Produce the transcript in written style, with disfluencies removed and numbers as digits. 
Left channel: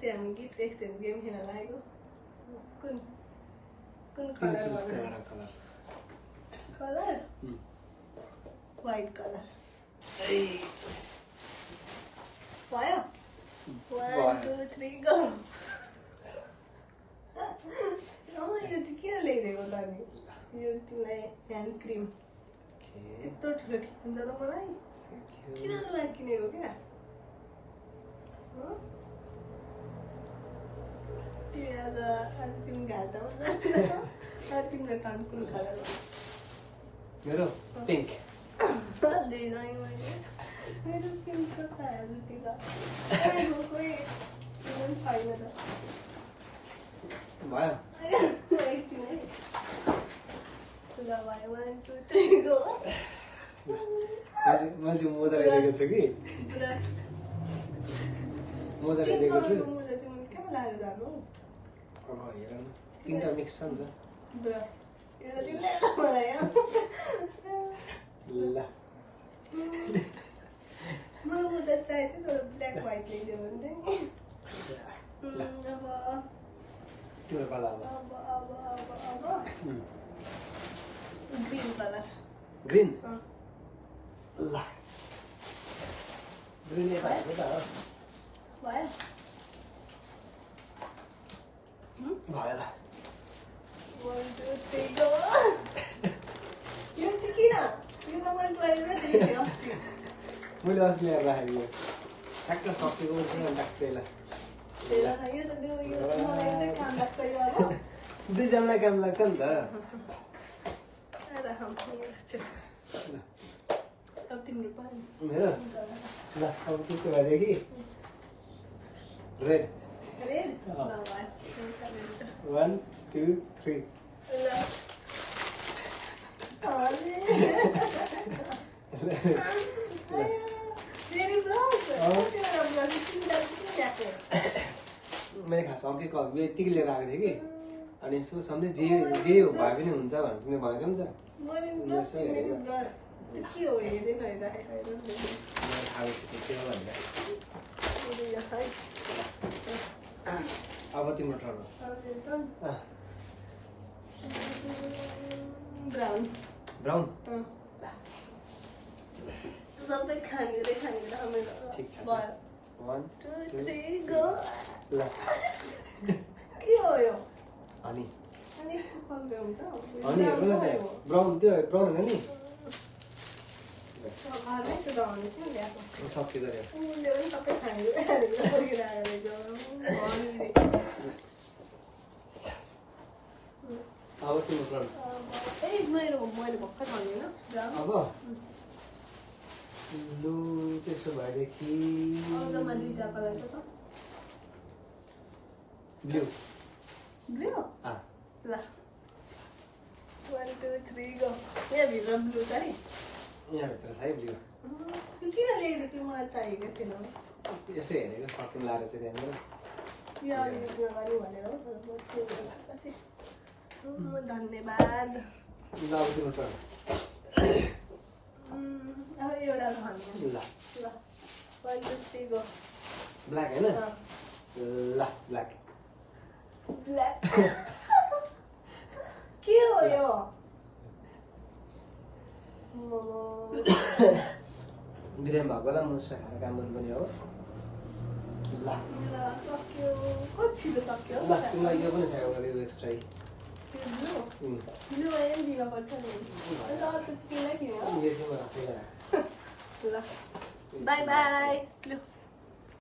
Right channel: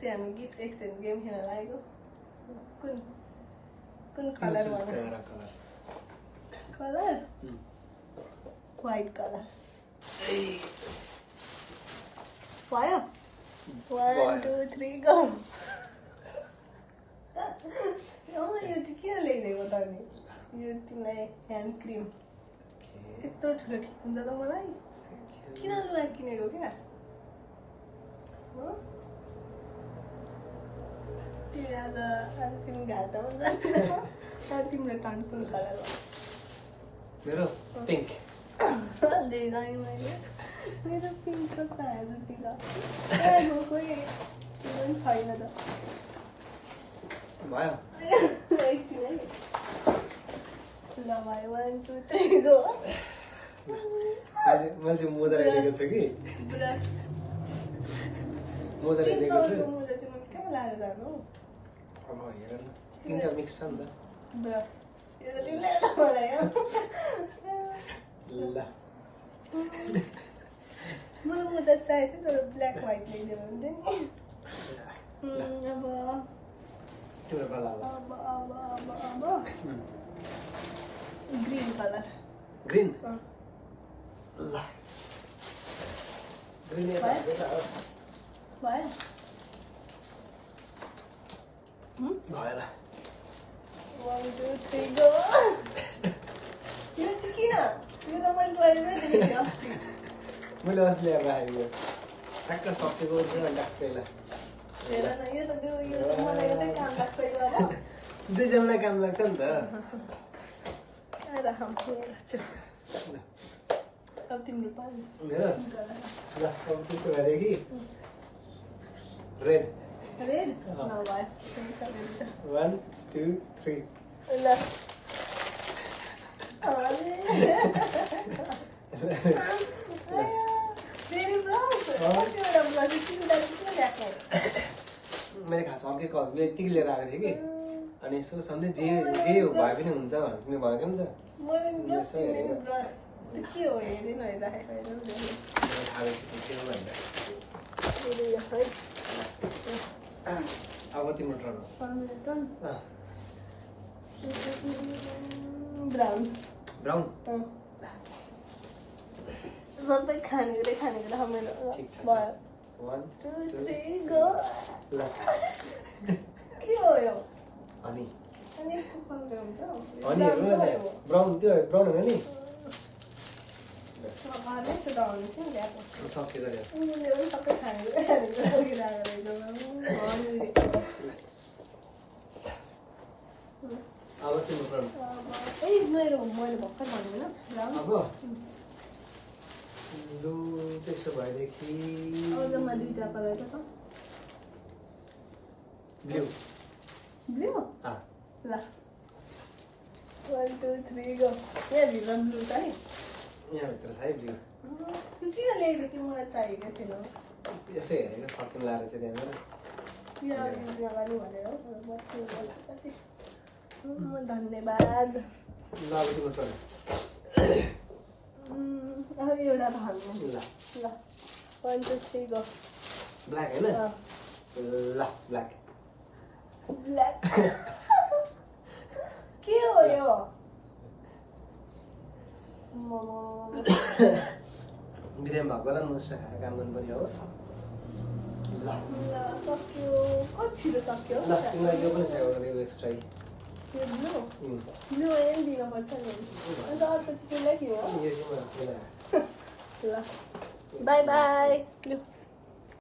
चाहिँ हामी gift exchange game खेल्न लागेको कुन कुन कलर कलर व्हाइट कलर भयो 1 2 3 गो यो चाहिँ किन ल्याइदिएको त नि यो तिमीलाई ह्यान्ड क्रिम यत्रो ठुलो ठिक हुन्छ त मलाई किन मलाई किनेको क्या हो तिमी आज तिमी घाटा हुन्छ तिम्रो टन कुन कलर हो मेरो पिङ्क मेरो पिङ्क कता हेर्नुको खोइ त्यो पनि छैन त भयो एकछिन है ल भयो 1 2 3 गो मैले मोजा ल्याएको छु कि ब्रस मोजा ल्याएको छु मोजा चाहिँ मैले कहाँ लाएर जानु अब हेर न तिनटा मिक्स छ नि त ब्रस हेर तिमीले मलाई ल मलाई मोजा चाहिएको थियो तर ब्ल्याक व्हाइट ल्याइदियो भने अब तिम्रो पाला अब ग्रीन कलर ग्रीन ल ग्रीन भयो भयो ल 1 2 3 गो यो चाहिँ किन यो त मैले ट्राइमै देखेको मैले अस्ति ल्याएर राखेको ठ्याक्क सकेको थियो अनि ट्याक्कैलाई हेर न यो त यो मलाई एउटै काम लाग्छ यो होला दुईजनालाई काम लाग्छ नि त अब तिम्रो पानी मेरो ल अब त्यसो भएदेखि रेड रेड 1 2 3 ल मैले खास अर्कै कलर यतिकै लिएर आएको थिएँ कि अनि यसो सम्झे जे जे हो भए पनि हुन्छ भनेर तिमीले भनेको नि त यसो हेरेको के हो हेरेन राखेको थाहा के हो भनेर अब तिम्रो टर्न ब्राउन ब्राउन सबै खानेकुरै खानेकुरा मेरो 1 2 3 गो ल के हो यो अनि अनि यसको कलर हुन्छ अनि हेर्नु न ब्राउन त्यो ब्राउन हो नि सबै त डाउन थियो ल्याएको सकियो रे उनीले पनि सबै खानेकुरा खानेकुरा बोकिरहेको रहेछ अब तिम्रो टर्न ए मैले भर्खर भनेन ब्राउन अब लु त्यसो भएदेखि जम्मा दुईटा कलर छ ब्लू ब्लू ल 1 2 3 गो यहाँ भित्र ब्लू छ है यहाँभित्र छ है ब्लू किन ल्याएको थियो मलाई चाहिएको थिएन यसो हेरेको सकिन लाएर चाहिँ त्यहाँबाट यो अगाडि भनेर धन्यवाद ल अब तिम्रो टर्न एउटा भन्नु ल ल 1 2 3 गो ब्ल्याक होइन ल ब्ल्याक ब्ल्याक के हो यो बिरामी भएको होला मुसा खाएर काम गर्नुपर्ने हो ल सक्यो कति छिटो सक्यो ल तिमीलाई यो पनि चाहियो होला यो एक्स्ट्रा त्यो ब्लू ब्लू पनि दिनुपर्छ नि अन्त अर्को चाहिँ तिमीलाई के हो यो चाहिँ मलाई ल बाई बाई लु